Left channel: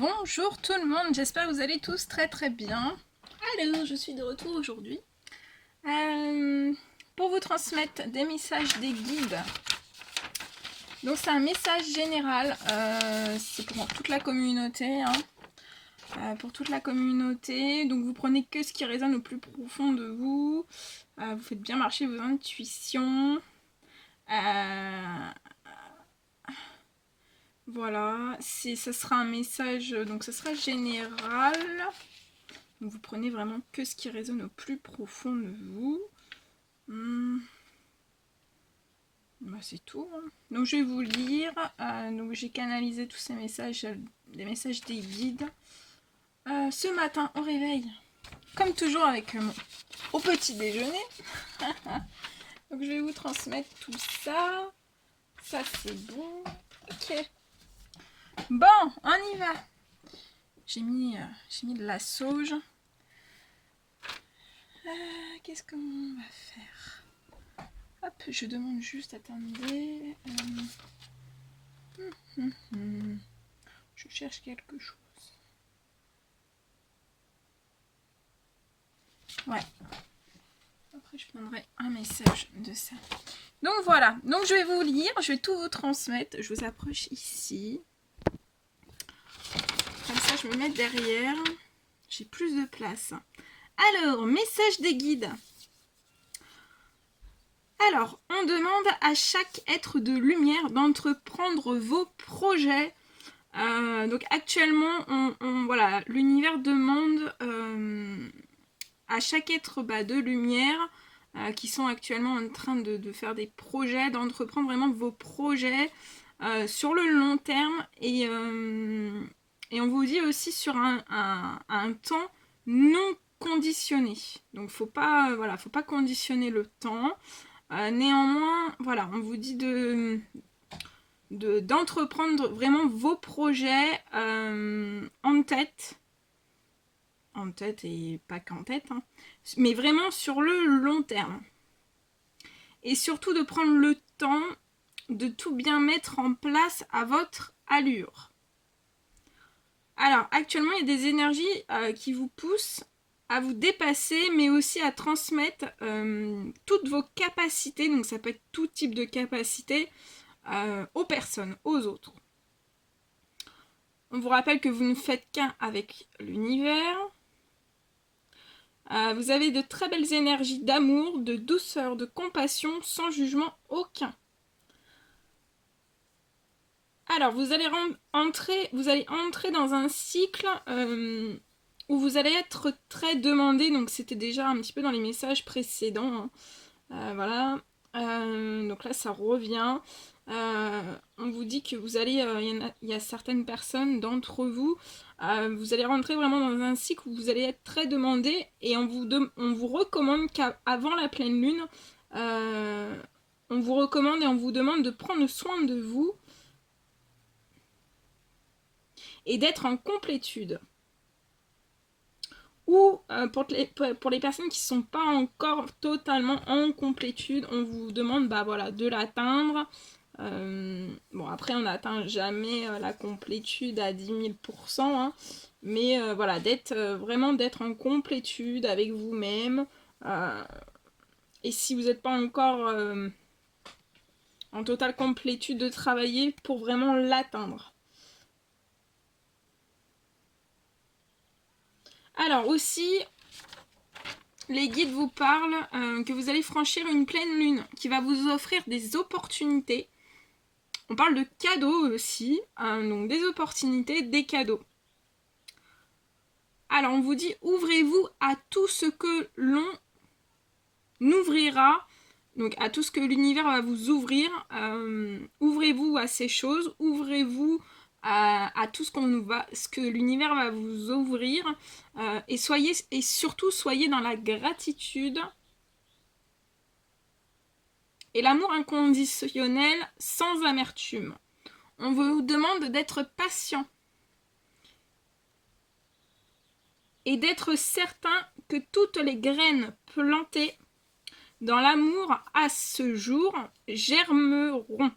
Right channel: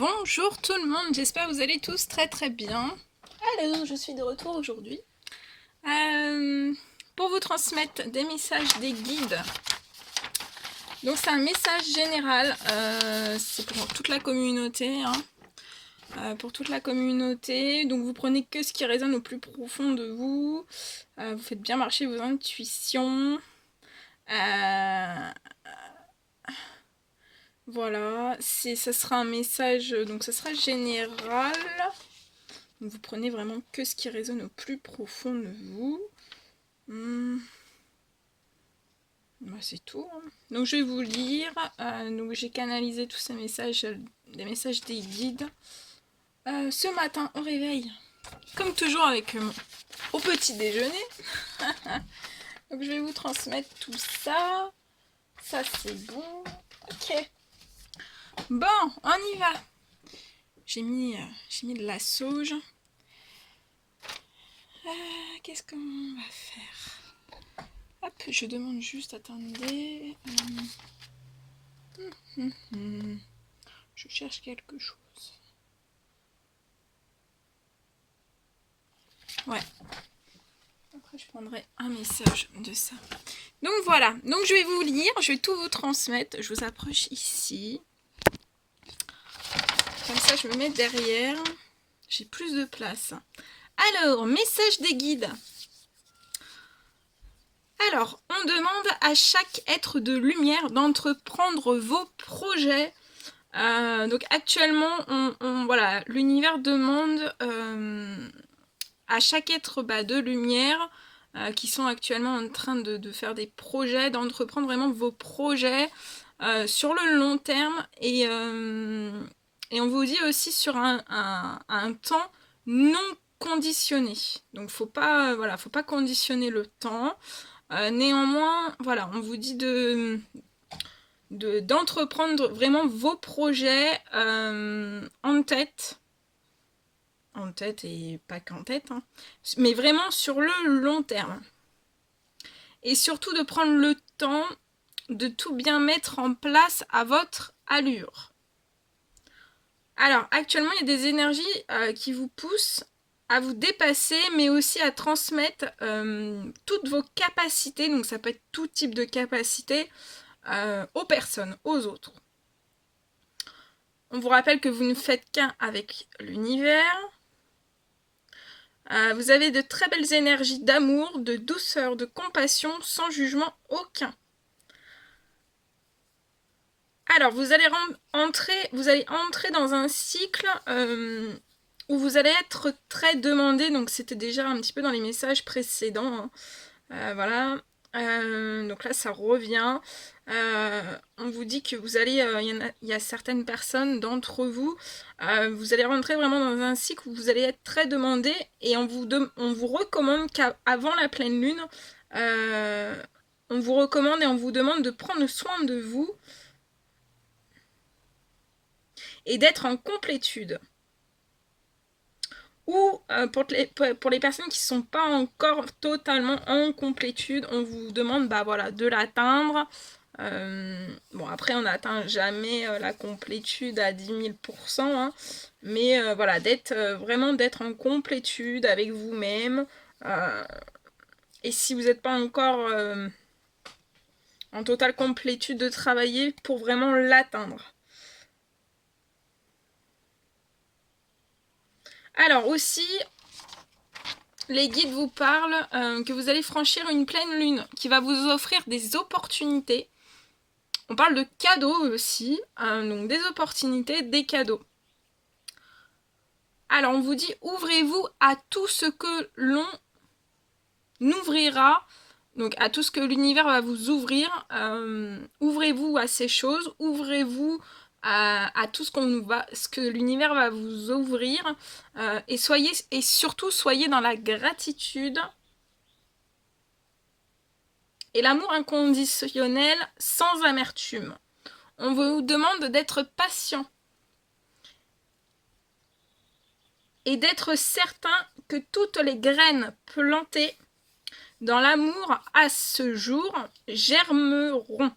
Bonjour tout le monde, j'espère que vous allez tous très bien. Alors, je suis de retour aujourd'hui pour vous transmettre des messages, des guides. Donc c'est un message général, c'est pour toute la communauté. Pour toute la communauté, donc vous prenez que ce qui résonne au plus profond de vous. Vous faites bien marcher vos intuitions. Voilà, ça sera un message, donc ça sera général. Donc vous prenez vraiment que ce qui résonne au plus profond de vous. Bah, c'est tout. Donc je vais vous lire. Donc j'ai canalisé tous ces messages, des messages des guides. Ce matin au réveil, comme toujours avec au petit déjeuner. Donc je vais vous transmettre tout ça. Ça c'est bon. Ok. Bon, on y va. J'ai mis de la sauge. Qu'est-ce qu'on va faire? Hop, je demande juste, attendez. Je cherche quelque chose. Ouais. Après, je prendrai un message de ça. Donc voilà. Donc je vais vous lire. Je vais tout vous transmettre. Je vous approche ici. Comme ça, je me mets derrière. J'ai plus de place. Alors, message des guides. Alors, on demande à chaque être de lumière d'entreprendre vos projets. Donc actuellement, voilà, l'univers demande à chaque être de lumière qui sont actuellement en train de faire des projets, d'entreprendre vraiment vos projets sur le long terme. Et on vous dit aussi sur un temps non conditionné. Donc faut pas conditionner le temps. Néanmoins, voilà, on vous dit d'entreprendre vraiment vos projets en tête et pas qu'en tête, mais vraiment sur le long terme. Et surtout de prendre le temps de tout bien mettre en place à votre allure. Alors, actuellement, il y a des énergies qui vous poussent à vous dépasser, mais aussi à transmettre toutes vos capacités, donc ça peut être tout type de capacités, aux personnes, aux autres. On vous rappelle que vous ne faites qu'un avec l'univers. Vous avez de très belles énergies d'amour, de douceur, de compassion, sans jugement aucun. Alors, vous allez entrer dans un cycle où vous allez être très demandé. Donc, c'était déjà un petit peu dans les messages précédents. Voilà. Donc là, ça revient. On vous dit que vous allez, il y a certaines personnes d'entre vous, vous allez rentrer vraiment dans un cycle où vous allez être très demandé et on vous recommande qu'avant la pleine lune, on vous recommande et on vous demande de prendre soin de vous et d'être en complétude. Ou pour les personnes qui ne sont pas encore totalement en complétude, on vous demande de l'atteindre. Bon, après, on n'atteint jamais la complétude à 10 000%, mais voilà, vraiment d'être en complétude avec vous-même. Et si vous n'êtes pas encore en totale complétude, de travailler pour vraiment l'atteindre. Alors aussi, les guides vous parlent que vous allez franchir une pleine lune qui va vous offrir des opportunités. On parle de cadeaux aussi, donc des opportunités, des cadeaux. Alors on vous dit, ouvrez-vous à tout ce que l'on ouvrira, donc à tout ce que l'univers va vous ouvrir. Ouvrez-vous à ces choses, ouvrez-vous à tout ce que l'univers va vous ouvrir, et surtout soyez dans la gratitude et l'amour inconditionnel sans amertume. On vous demande d'être patient et d'être certain que toutes les graines plantées dans l'amour à ce jour germeront.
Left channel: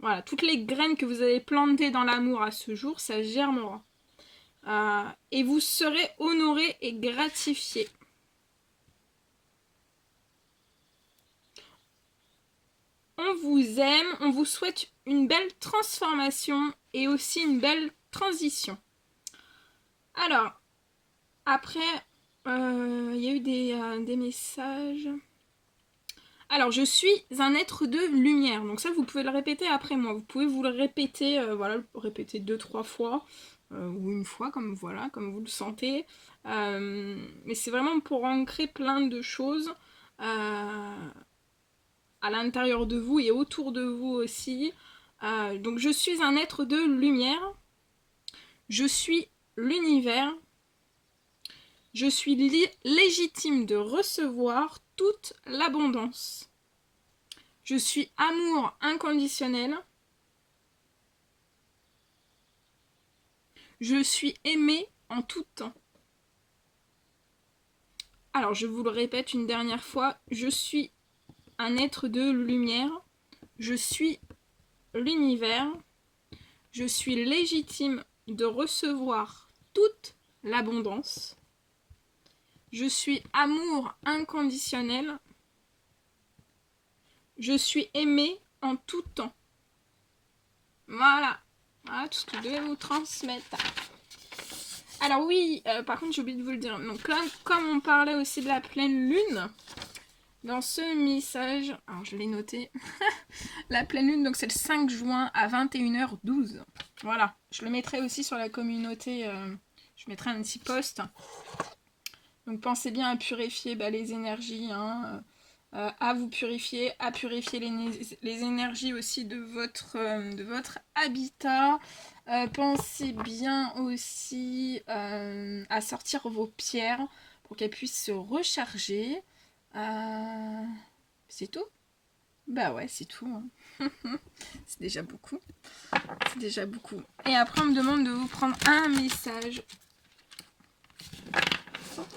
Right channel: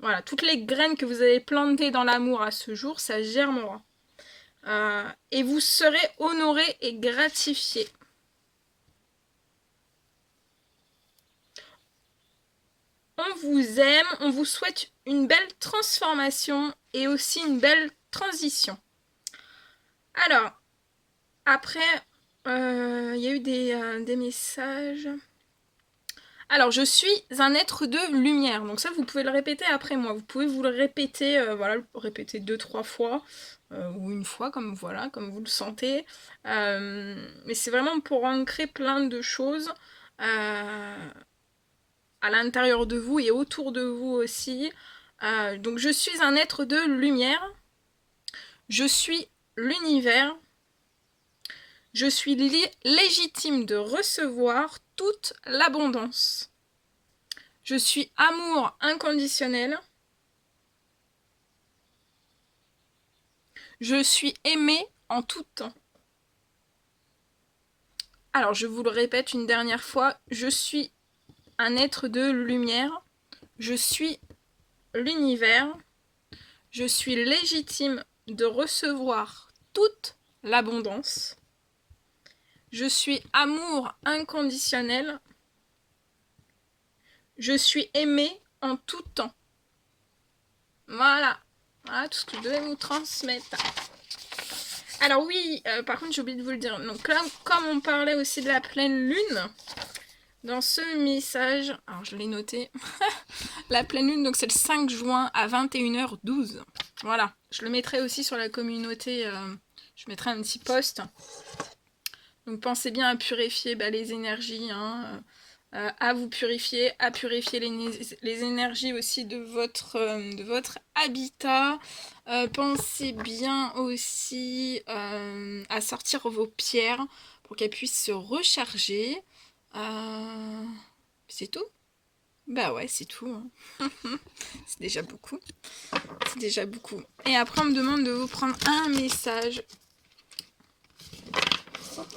Voilà, toutes les graines que vous avez plantées dans l'amour à ce jour, ça germera. Et vous serez honoré et gratifié. On vous aime, on vous souhaite une belle transformation et aussi une belle transition. Alors, après, il y a eu des messages. Alors, je suis un être de lumière. Donc ça, vous pouvez le répéter après moi. Vous pouvez vous le répéter, voilà, le répéter 2-3 fois. Ou une fois, comme voilà, comme vous le sentez. Mais c'est vraiment pour ancrer plein de choses à l'intérieur de vous et autour de vous aussi. Donc je suis un être de lumière. Je suis l'univers. Je suis légitime de recevoir toute l'abondance. Je suis amour inconditionnel. Je suis aimé en tout temps. Alors, je vous le répète une dernière fois. Je suis un être de lumière. Je suis l'univers. Je suis légitime de recevoir toute l'abondance. Je suis amour inconditionnel. Je suis aimé en tout temps. Voilà. Voilà tout ce que je devais vous transmettre. Alors oui, par contre j'ai oublié de vous le dire. Donc là, comme on parlait aussi de la pleine lune, dans ce message, alors je l'ai noté, la pleine lune, donc c'est le 5 juin à 21h12. Voilà, je le mettrai aussi sur la communauté, je mettrai un petit post. Donc pensez bien à purifier les énergies, hein, à vous purifier, à purifier les énergies aussi de votre habitat. Pensez bien aussi à sortir vos pierres pour qu'elles puissent se recharger. C'est tout? Bah ouais, c'est tout. Hein. C'est déjà beaucoup. C'est déjà beaucoup. Et après, on me demande de vous prendre un message.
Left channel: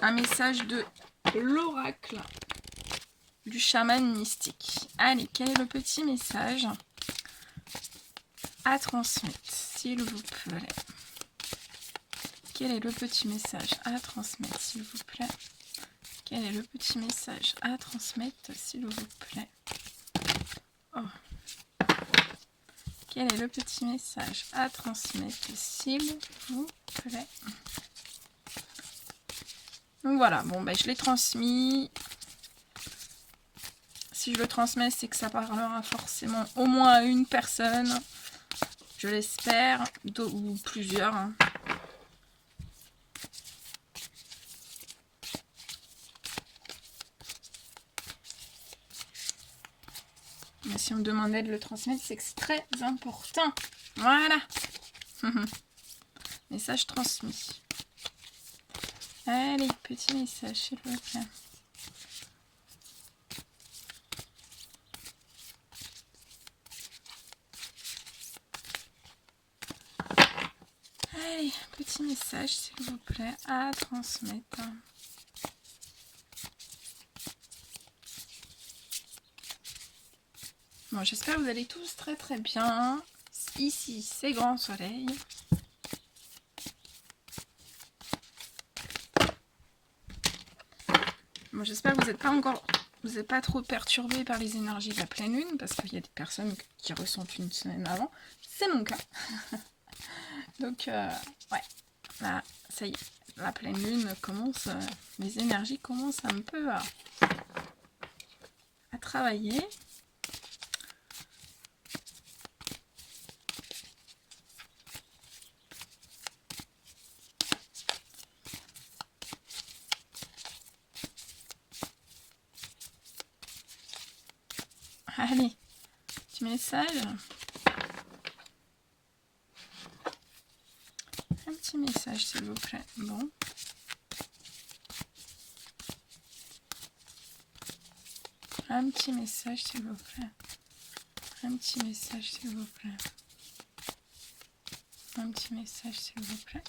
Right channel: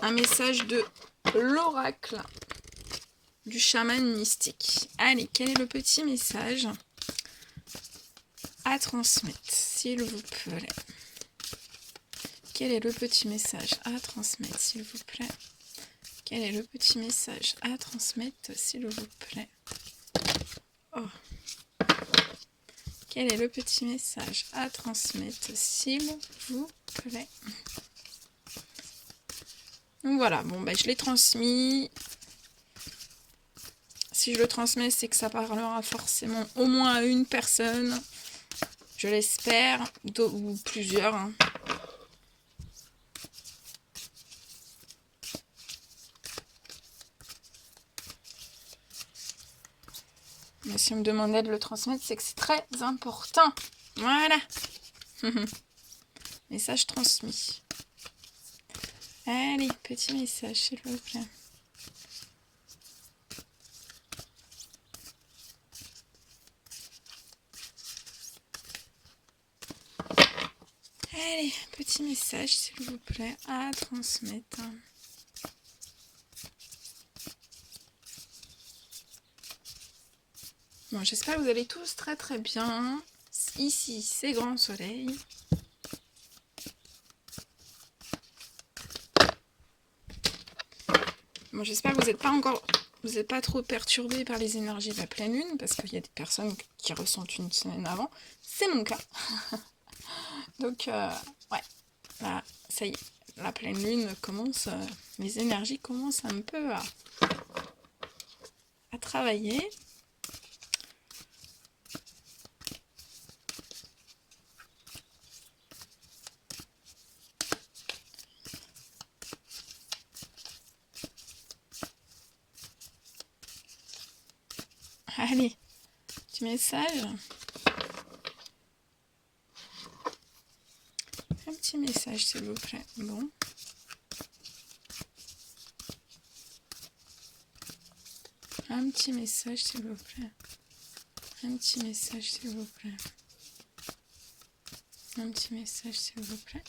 Un message de l'oracle du chaman mystique. Allez, quel est le petit message à transmettre, s'il vous plaît? Quel est le petit message à transmettre, s'il vous plaît? Quel est le petit message à transmettre, s'il vous plaît? Oh. Quel est le petit message à transmettre, s'il vous plaît? Donc voilà, bon, je l'ai transmis. Si je le transmets, c'est que ça parlera forcément au moins à une personne. Je l'espère, ou plusieurs. Hein. Mais si on me demandait de le transmettre, c'est que c'est très important. Voilà. Message transmis. Allez, petit message, s'il vous plaît. Allez, petit message, s'il vous plaît, à transmettre. Bon, j'espère que vous allez tous très très bien. Ici, c'est grand soleil. Bon, j'espère que vous n'êtes pas trop perturbés par les énergies de la pleine lune, parce qu'il y a des personnes qui ressentent une semaine avant. C'est mon cas. Donc, ouais, là, ça y est, la pleine lune commence, les énergies commencent un peu à travailler. Allez, petit message. Un petit message, s'il vous plaît. Bon. Un petit message, s'il vous plaît. Un petit message, s'il vous plaît. Un petit message, s'il vous plaît.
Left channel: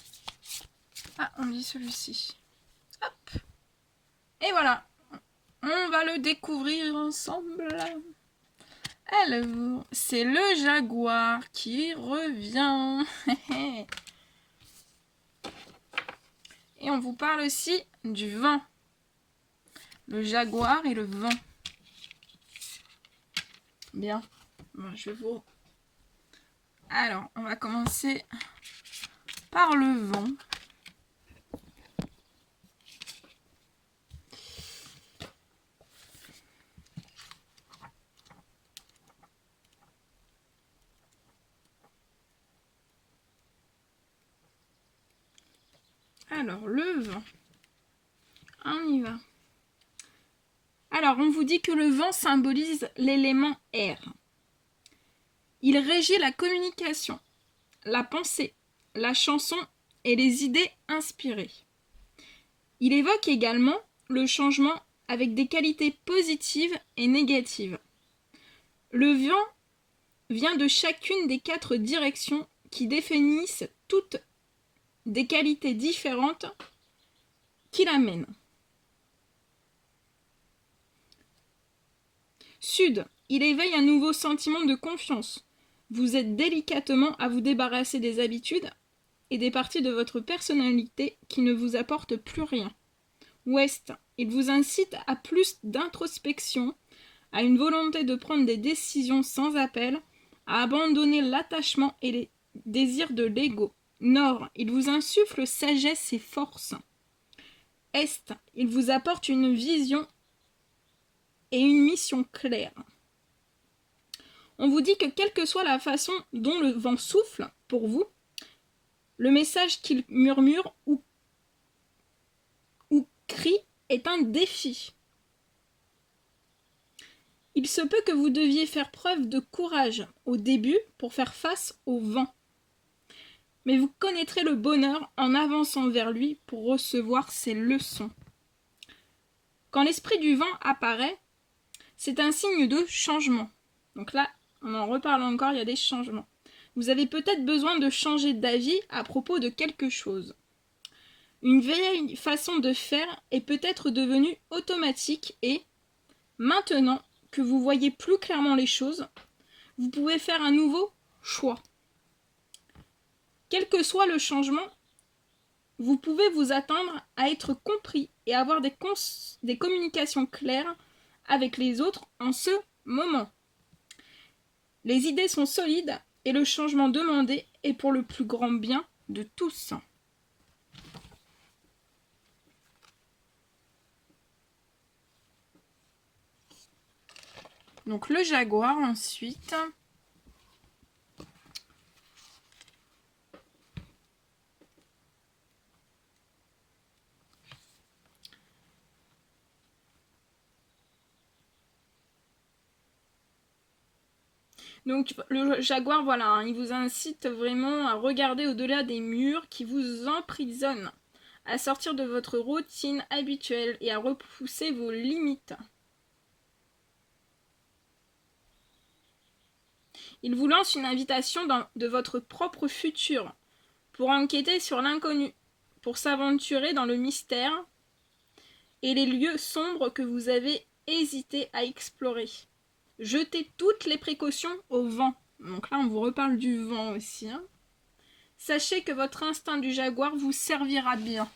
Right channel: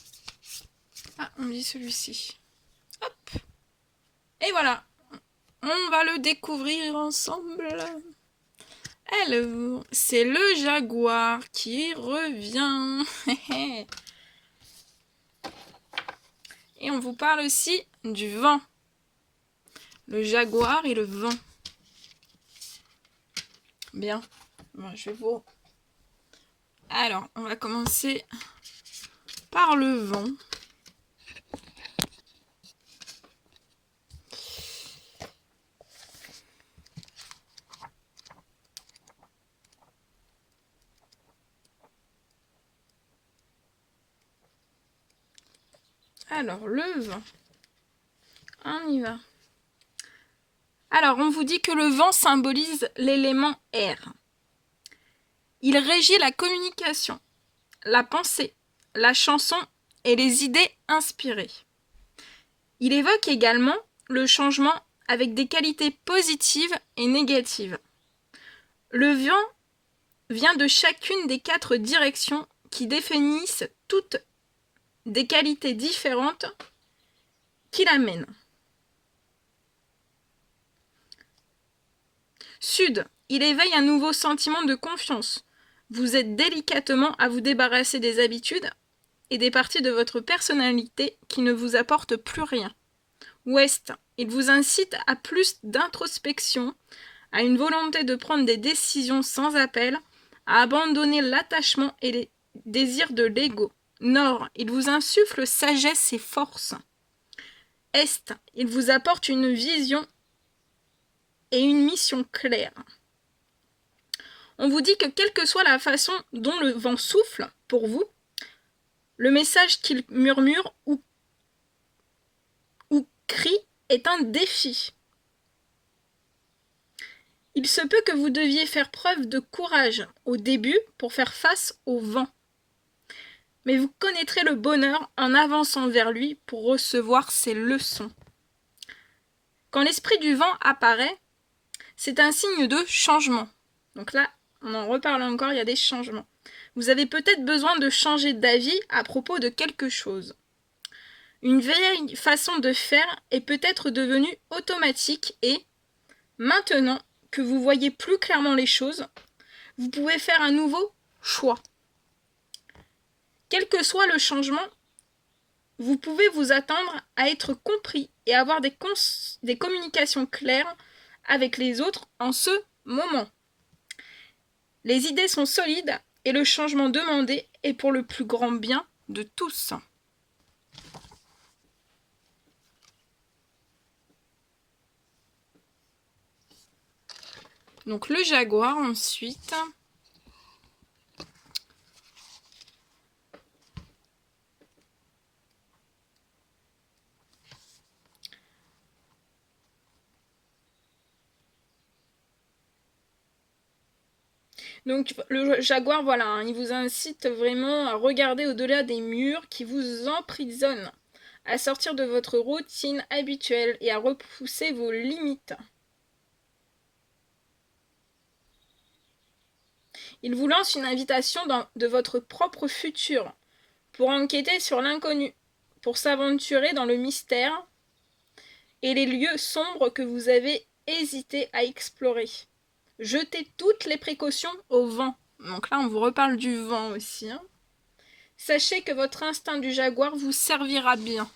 Ah, on me dit celui-ci. Hop. Et voilà. On va le découvrir ensemble. Alors, c'est le jaguar qui revient. Et on vous parle aussi du vent. Le jaguar et le vent. Bien. Bon, je vais vous... Alors, on va commencer par le vent. Alors, le vent. On y va. Alors, on vous dit que le vent symbolise l'élément air. Il régit la communication, la pensée, la chanson et les idées inspirées. Il évoque également le changement avec des qualités positives et négatives. Le vent vient de chacune des 4 directions qui définissent toutes des qualités différentes qui l'amènent. Sud, il éveille un nouveau sentiment de confiance. Vous aidez délicatement à vous débarrasser des habitudes et des parties de votre personnalité qui ne vous apportent plus rien. Ouest, il vous incite à plus d'introspection, à une volonté de prendre des décisions sans appel, à abandonner l'attachement et les désirs de l'ego. Nord, il vous insuffle sagesse et force. Est, il vous apporte une vision et une mission claire. On vous dit que quelle que soit la façon dont le vent souffle pour vous, le message qu'il murmure ou crie est un défi. Il se peut que vous deviez faire preuve de courage au début pour faire face au vent. Mais vous connaîtrez le bonheur en avançant vers lui pour recevoir ses leçons. Quand l'esprit du vent apparaît, c'est un signe de changement. Donc là, on en reparle encore, il y a des changements. Vous avez peut-être besoin de changer d'avis à propos de quelque chose. Une vieille façon de faire est peut-être devenue automatique et, maintenant que vous voyez plus clairement les choses, vous pouvez faire un nouveau choix. Quel que soit le changement, vous pouvez vous attendre à être compris et avoir des communications claires avec les autres en ce moment. Les idées sont solides et le changement demandé est pour le plus grand bien de tous. Donc le jaguar ensuite. Donc le jaguar, voilà, hein, il vous incite vraiment à regarder au-delà des murs qui vous emprisonnent, à sortir de votre routine habituelle et à repousser vos limites. Il vous lance une invitation de votre propre futur, pour enquêter sur l'inconnu, pour s'aventurer dans le mystère et les lieux sombres que vous avez hésité à explorer. Jetez toutes les précautions au vent. Donc là, on vous reparle du vent aussi. Hein. Sachez que votre instinct du jaguar vous servira bien.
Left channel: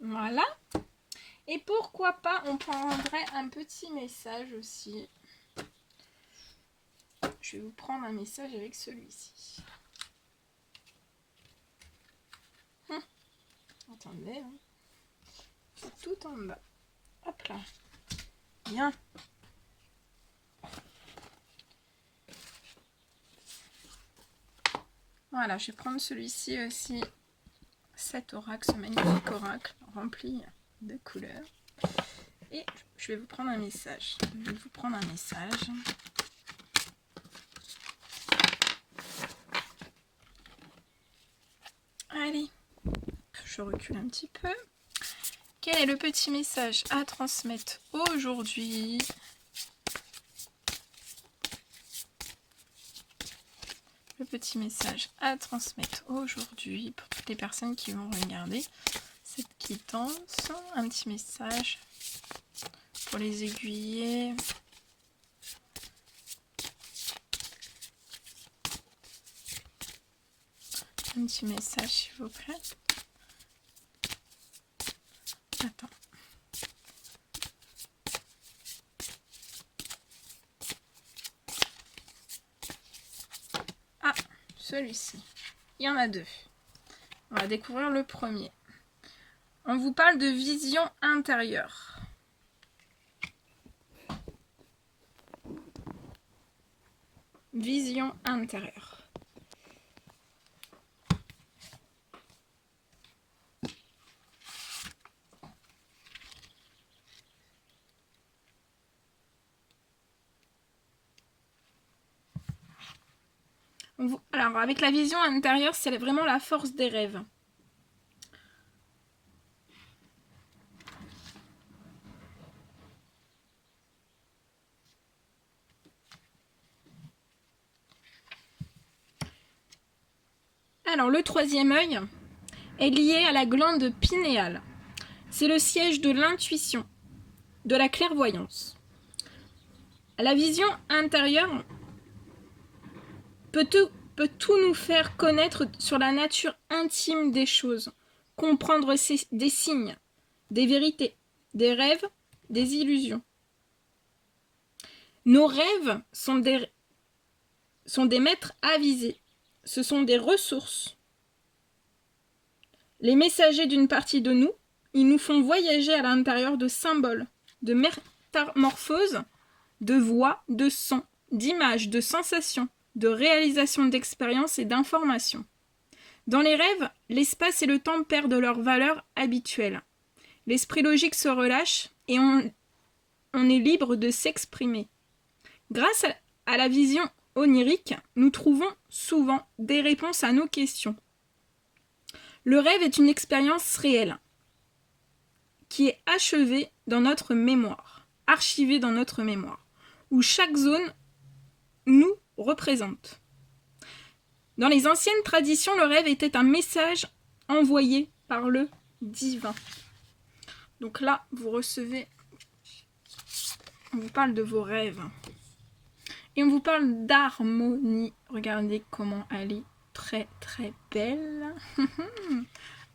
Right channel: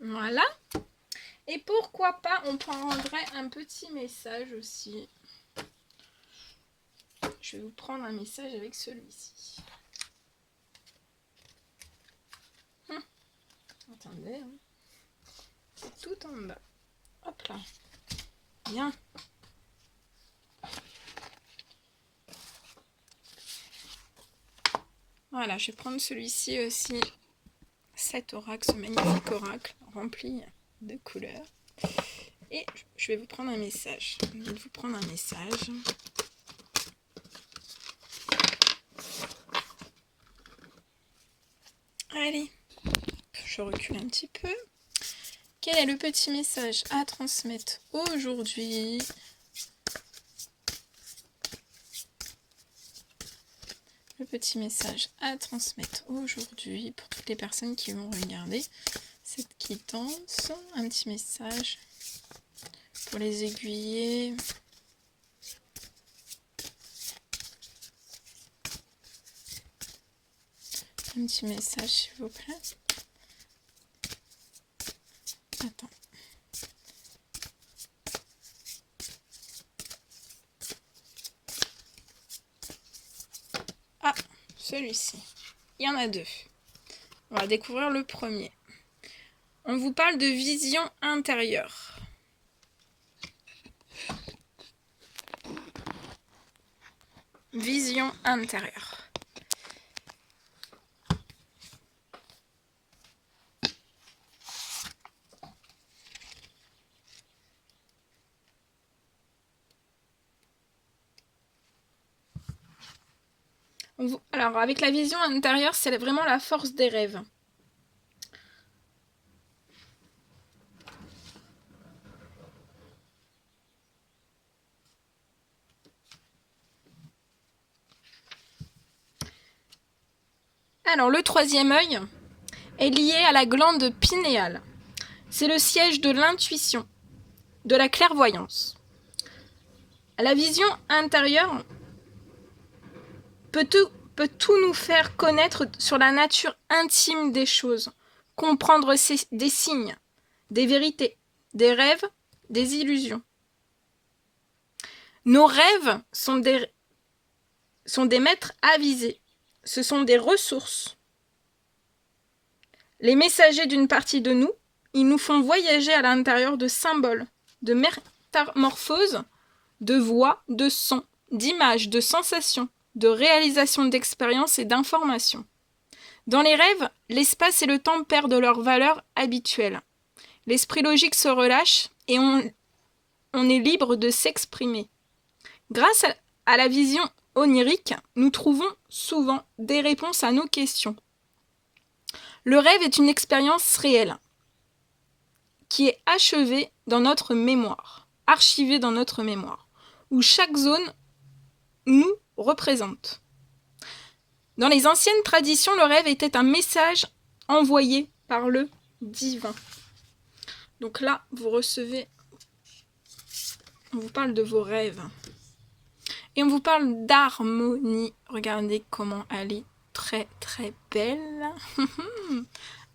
Voilà. Et pourquoi pas, on prendrait un petit message aussi. Je vais vous prendre un message avec celui-ci. Attendez. Hein. C'est tout en bas. Hop là. Bien. Voilà, je vais prendre celui-ci aussi. Cet oracle, ce magnifique oracle rempli de couleurs. Et je vais vous prendre un message. Je vais vous prendre un message. Allez, je recule un petit peu. Quel est le petit message à transmettre aujourd'hui ? Le petit message à transmettre aujourd'hui pour toutes les personnes qui vont regarder cette quittance. Un petit message pour les aiguiller. Un petit message, s'il vous plaît. Attends. Ah, celui-ci. Il y en a deux. On va découvrir le premier. On vous parle de vision intérieure. Vision intérieure. Alors, avec la vision intérieure, c'est vraiment la force des rêves. Alors, le troisième œil est lié à la glande pinéale. C'est le siège de l'intuition, de la clairvoyance. La vision intérieure peut tout nous faire connaître sur la nature intime des choses, comprendre des signes, des vérités, des rêves, des illusions. Nos rêves sont des maîtres avisés, ce sont des ressources. Les messagers d'une partie de nous, ils nous font voyager à l'intérieur de symboles, de métamorphoses, de voix, de sons, d'images, de sensations, de réalisations d'expériences et d'informations. Dans les rêves, l'espace et le temps perdent leur valeur habituelle. L'esprit logique se relâche et on est libre de s'exprimer. Grâce à la vision onirique, nous trouvons souvent des réponses à nos questions. Le rêve est une expérience réelle qui est achevée dans notre mémoire, archivée dans notre mémoire, où chaque zone nous représente. Dans les anciennes traditions, le rêve était un message envoyé par le divin. Donc là, vous recevez, on vous parle de vos rêves. Et on vous parle d'harmonie. Regardez comment elle est très très belle.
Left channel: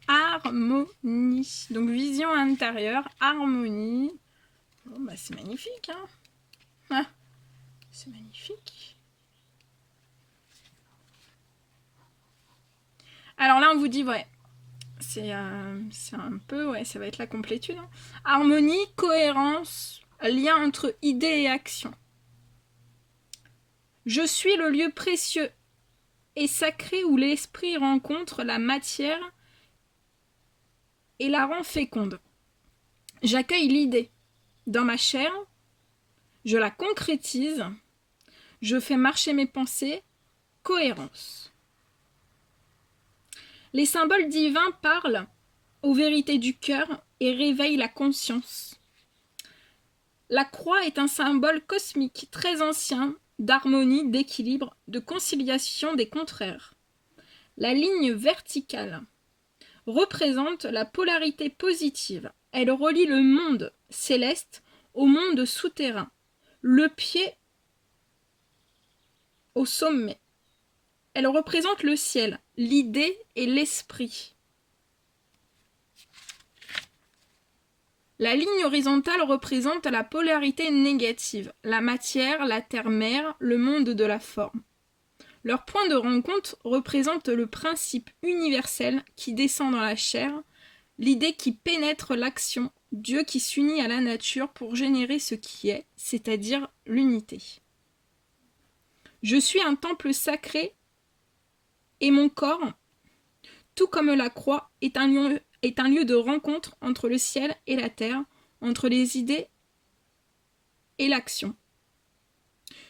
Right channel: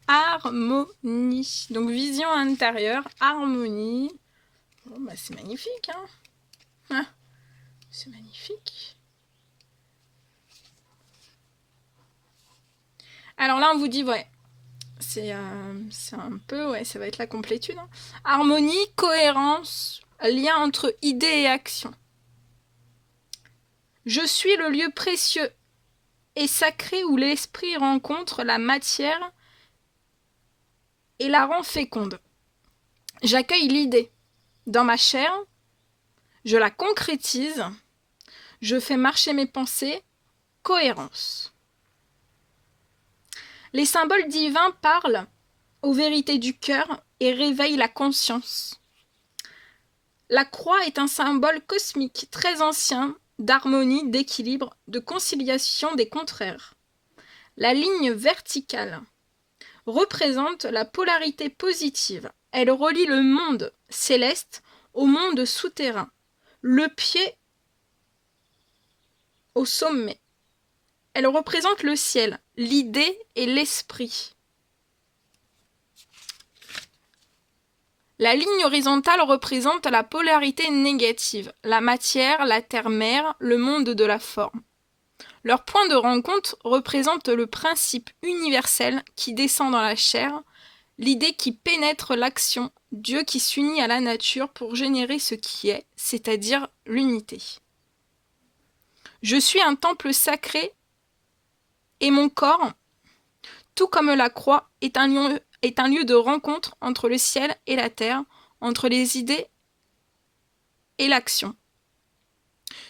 Harmonie. Donc vision intérieure, harmonie. Oh, bah, c'est magnifique, hein. Ah, c'est magnifique. Alors là, on vous dit, ouais, c'est un peu, ouais, ça va être la complétude. Hein. Harmonie, cohérence, lien entre idées et action. Je suis le lieu précieux et sacré où l'esprit rencontre la matière et la rend féconde. J'accueille l'idée dans ma chair, je la concrétise, je fais marcher mes pensées, cohérence. Les symboles divins parlent aux vérités du cœur et réveillent la conscience. La croix est un symbole cosmique très ancien d'harmonie, d'équilibre, de conciliation des contraires. La ligne verticale représente la polarité positive. Elle relie le monde céleste au monde souterrain, le pied au sommet. Elle représente le ciel, l'idée et l'esprit. La ligne horizontale représente la polarité négative, la matière, la terre-mère, le monde de la forme. Leur point de rencontre représente le principe universel qui descend dans la chair, l'idée qui pénètre l'action, Dieu qui s'unit à la nature pour générer ce qui est, c'est-à-dire l'unité. Je suis un temple sacré et mon corps, tout comme la croix, est un lieu de rencontre entre le ciel et la terre, entre les idées et l'action.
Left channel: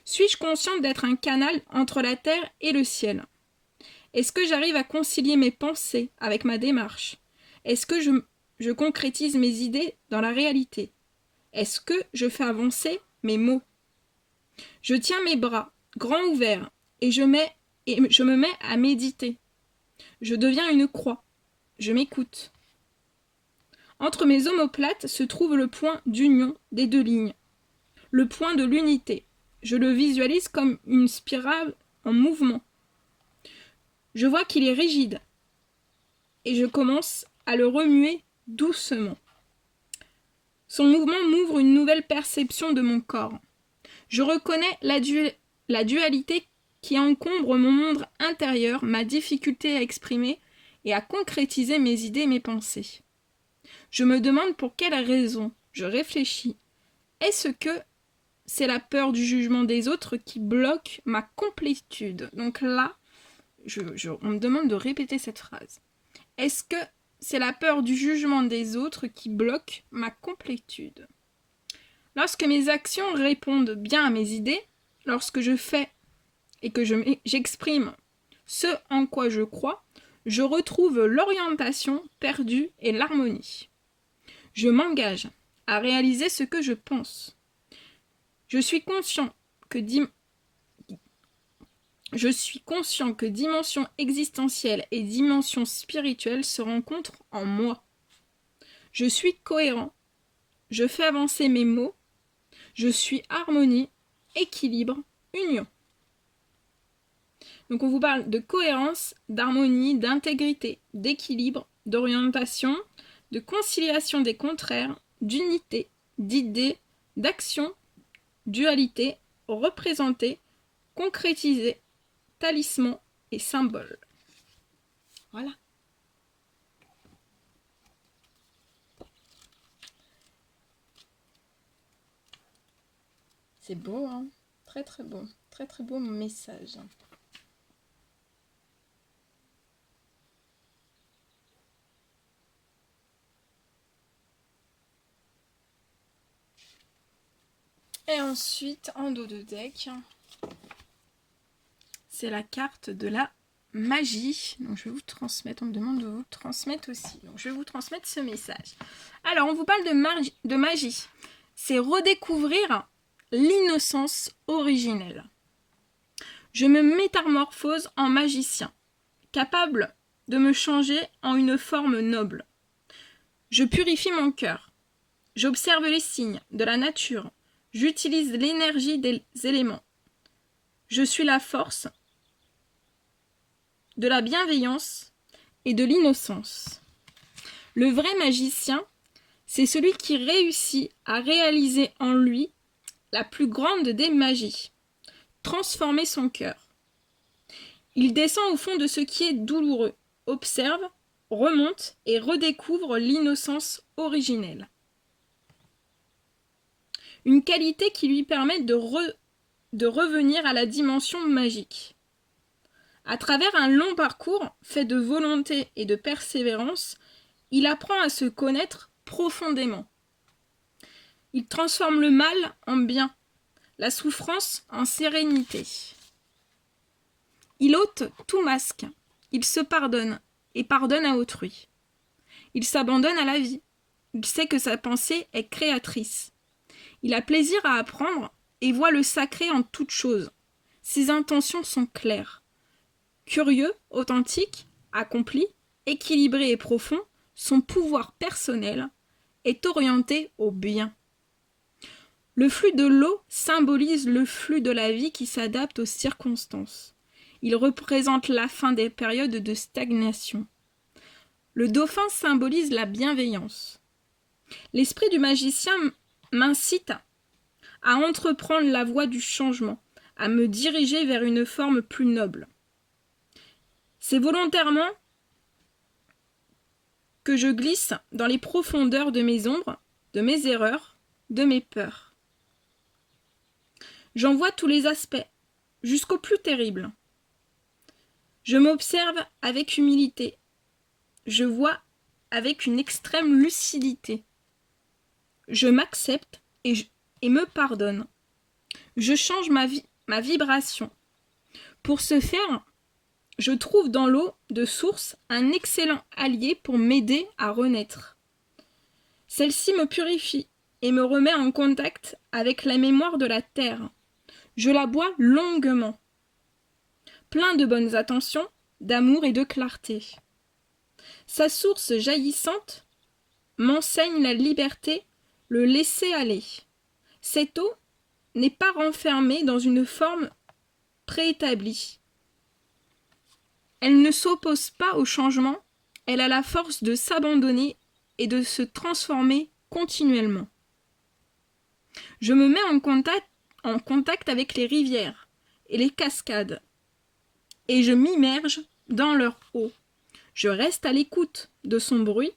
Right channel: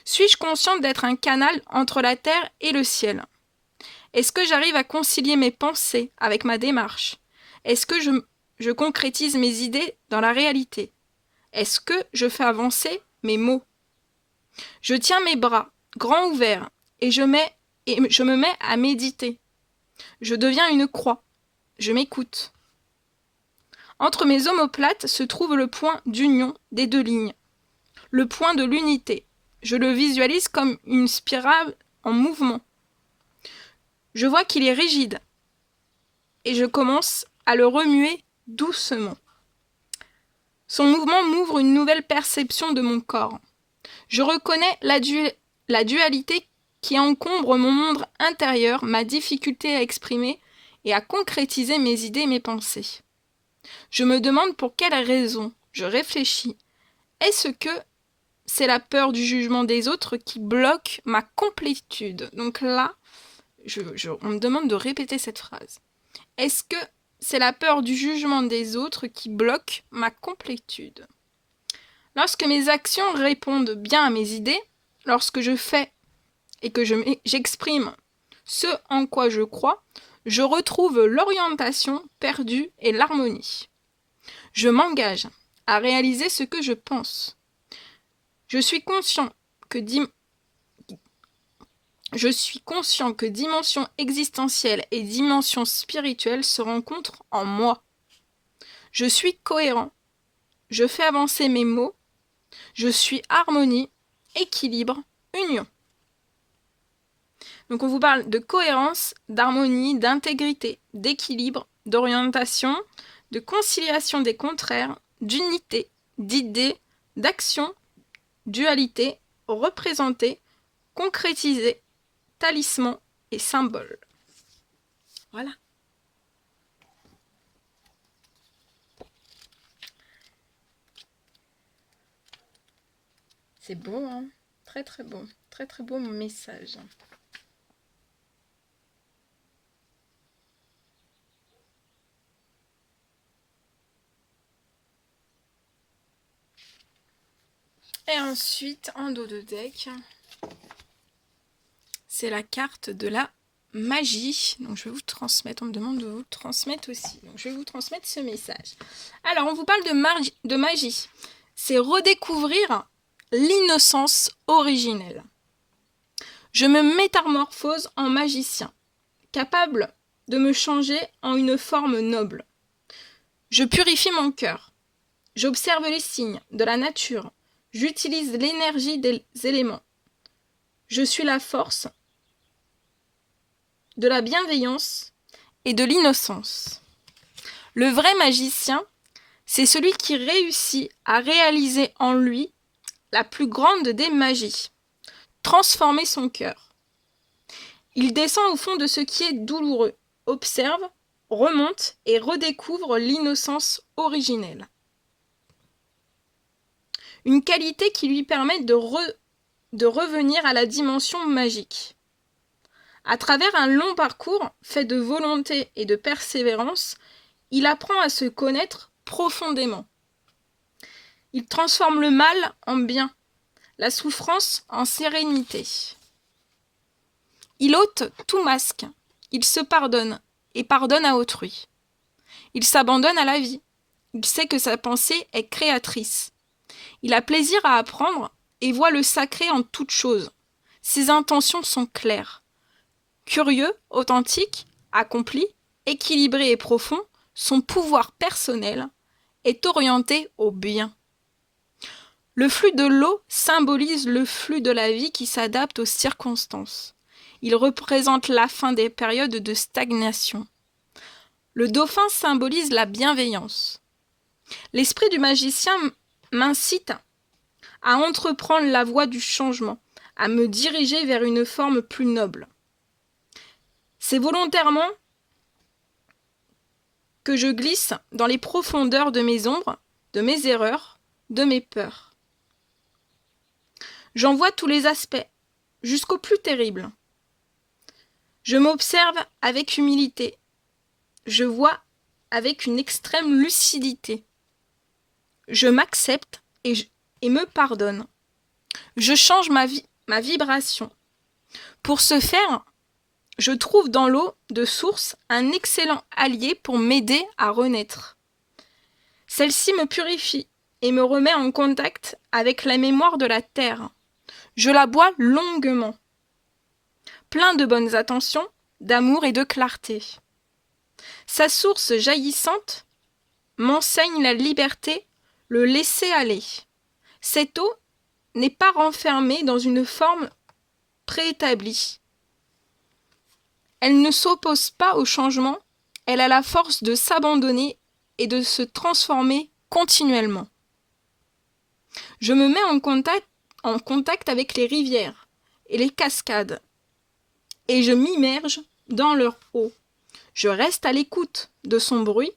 Suis-je consciente d'être un canal entre la terre et le ciel? Est-ce que j'arrive à concilier mes pensées avec ma démarche? Est-ce que je concrétise mes idées dans la réalité? Est-ce que je fais avancer mes mots? Je tiens mes bras grands ouverts et je me mets à méditer. Je deviens une croix. Je m'écoute. Entre mes omoplates se trouve le point d'union des deux lignes, le point de l'unité. Je le visualise comme une spirale en mouvement. Je vois qu'il est rigide et je commence à le remuer doucement. Son mouvement m'ouvre une nouvelle perception de mon corps. Je reconnais la dualité qui encombre mon monde intérieur, ma difficulté à exprimer et à concrétiser mes idées et mes pensées. Je me demande pour quelle raison. Je réfléchis. Est-ce que c'est la peur du jugement des autres qui bloque ma complétude? Donc là, on me demande de répéter cette phrase. Est-ce que c'est la peur du jugement des autres qui bloque ma complétude? Lorsque mes actions répondent bien à mes idées, lorsque je fais et que j'exprime ce en quoi je crois, je retrouve l'orientation perdue et l'harmonie. Je m'engage à réaliser ce que je pense. Je suis conscient que dimension existentielle et dimension spirituelle se rencontrent en moi. Je suis cohérent. Je fais avancer mes mots. Je suis harmonie, équilibre, union. Donc on vous parle de cohérence, d'harmonie, d'intégrité, d'équilibre, d'orientation, de conciliation des contraires, d'unité, d'idées, d'action, dualité, représenter, concrétiser, talisman et symbole. Voilà. C'est beau, hein? Très très beau. Très très beau message. Et ensuite, en dos de deck, c'est la carte de la magie. Donc je vais vous transmettre, on me demande de vous transmettre aussi. Donc je vais vous transmettre ce message. Alors on vous parle de magie. C'est redécouvrir l'innocence originelle. Je me métamorphose en magicien, capable de me changer en une forme noble. Je purifie mon cœur. J'observe les signes de la nature. J'utilise l'énergie des éléments. Je suis la force de la bienveillance et de l'innocence. Le vrai magicien, c'est celui qui réussit à réaliser en lui la plus grande des magies, transformer son cœur. Il descend au fond de ce qui est douloureux, observe, remonte et redécouvre l'innocence originelle. Une qualité qui lui permet de revenir à la dimension magique. À travers un long parcours fait de volonté et de persévérance, il apprend à se connaître profondément. Il transforme le mal en bien, la souffrance en sérénité. Il ôte tout masque, il se pardonne et pardonne à autrui. Il s'abandonne à la vie, il sait que sa pensée est créatrice. Il a plaisir à apprendre et voit le sacré en toute chose. Ses intentions sont claires. Curieux, authentique, accompli, équilibré et profond, son pouvoir personnel est orienté au bien. Le flux de l'eau symbolise le flux de la vie qui s'adapte aux circonstances. Il représente la fin des périodes de stagnation. Le dauphin symbolise la bienveillance. L'esprit du magicien m'incite à entreprendre la voie du changement, à me diriger vers une forme plus noble. C'est volontairement que je glisse dans les profondeurs de mes ombres, de mes erreurs, de mes peurs. J'en vois tous les aspects, jusqu'au plus terrible. Je m'observe avec humilité. Je vois avec une extrême lucidité. Je m'accepte et me pardonne. Je change ma vibration. Pour ce faire, je trouve dans l'eau de source un excellent allié pour m'aider à renaître. Celle-ci me purifie et me remet en contact avec la mémoire de la terre. Je la bois longuement, plein de bonnes intentions, d'amour et de clarté. Sa source jaillissante m'enseigne la liberté, le laisser-aller. Cette eau n'est pas renfermée dans une forme préétablie. Elle ne s'oppose pas au changement, elle a la force de s'abandonner et de se transformer continuellement. Je me mets en contact avec les rivières et les cascades, et je m'immerge dans leur eau. Je reste à l'écoute de son bruit,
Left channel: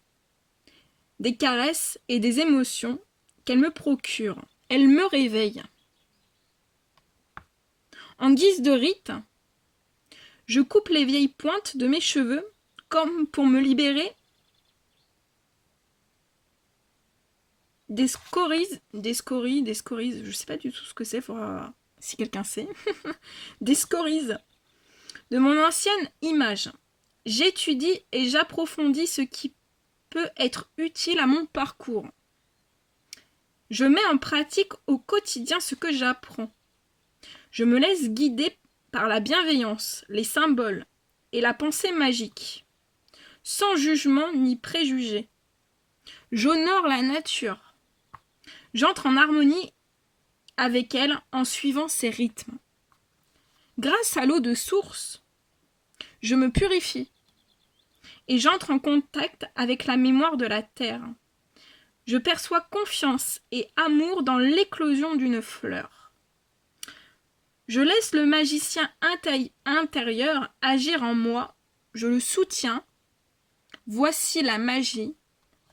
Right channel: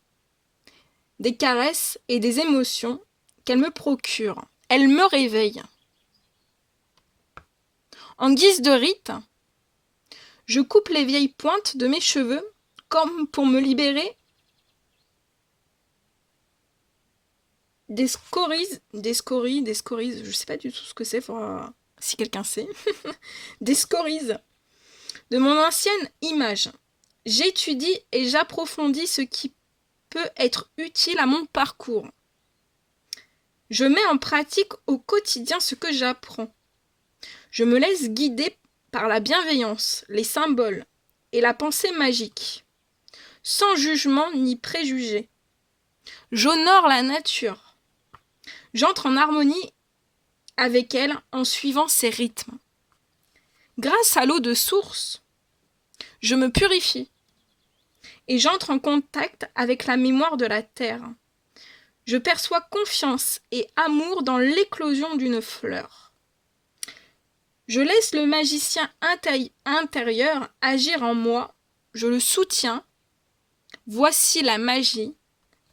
des caresses et des émotions qu'elle me procure. Elle me réveille. En guise de rite, je coupe les vieilles pointes de mes cheveux comme pour me libérer des scories, je sais pas du tout ce que c'est, si quelqu'un sait, des scories de mon ancienne image. J'étudie et j'approfondis ce qui peut être utile à mon parcours. Je mets en pratique au quotidien ce que j'apprends. Je me laisse guider par la bienveillance, les symboles et la pensée magique, sans jugement ni préjugé. J'honore la nature. J'entre en harmonie avec elle en suivant ses rythmes. Grâce à l'eau de source, je me purifie et j'entre en contact avec la mémoire de la terre. Je perçois confiance et amour dans l'éclosion d'une fleur. Je laisse le magicien intérieur agir en moi, je le soutiens. Voici la magie,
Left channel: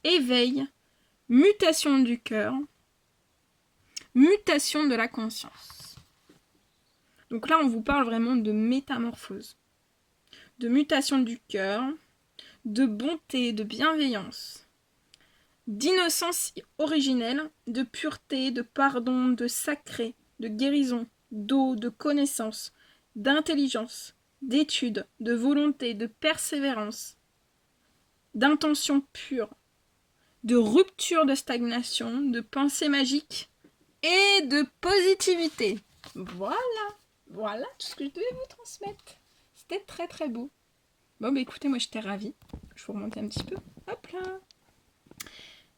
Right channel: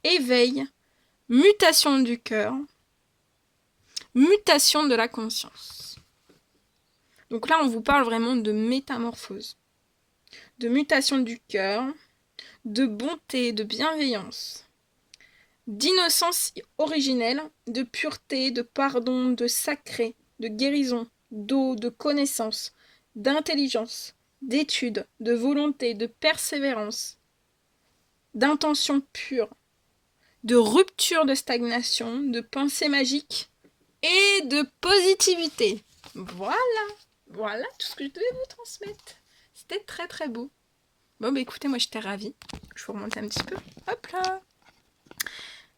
éveil, mutation du cœur, mutation de la conscience. Donc là, on vous parle vraiment de métamorphose, de mutation du cœur, de bonté, de bienveillance, d'innocence originelle, de pureté, de pardon, de sacré, de guérison, d'eau, de connaissance, d'intelligence, d'étude, de volonté, de persévérance, d'intention pure, de rupture de stagnation, de pensée magique et de positivité. Voilà tout ce que je devais vous transmettre. C'était très très beau. Bon bah écoutez, moi j'étais ravie. Je vous remonte un petit peu. Hop là.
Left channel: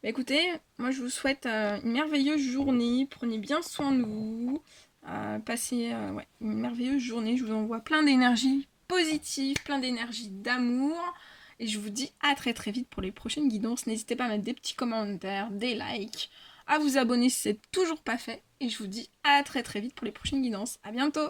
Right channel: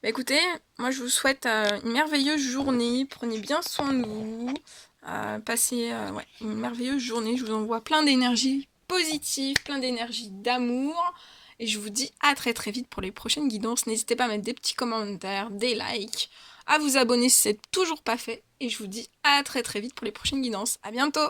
Bah écoutez, moi je vous souhaite une merveilleuse journée. Prenez bien soin de vous. Passez une merveilleuse journée. Je vous envoie plein d'énergie positive, plein d'énergie d'amour. Et je vous dis à très très vite pour les prochaines guidances. N'hésitez pas à mettre des petits commentaires, des likes, à vous abonner si c'est toujours pas fait. Et je vous dis à très très vite pour les prochaines guidances. À bientôt!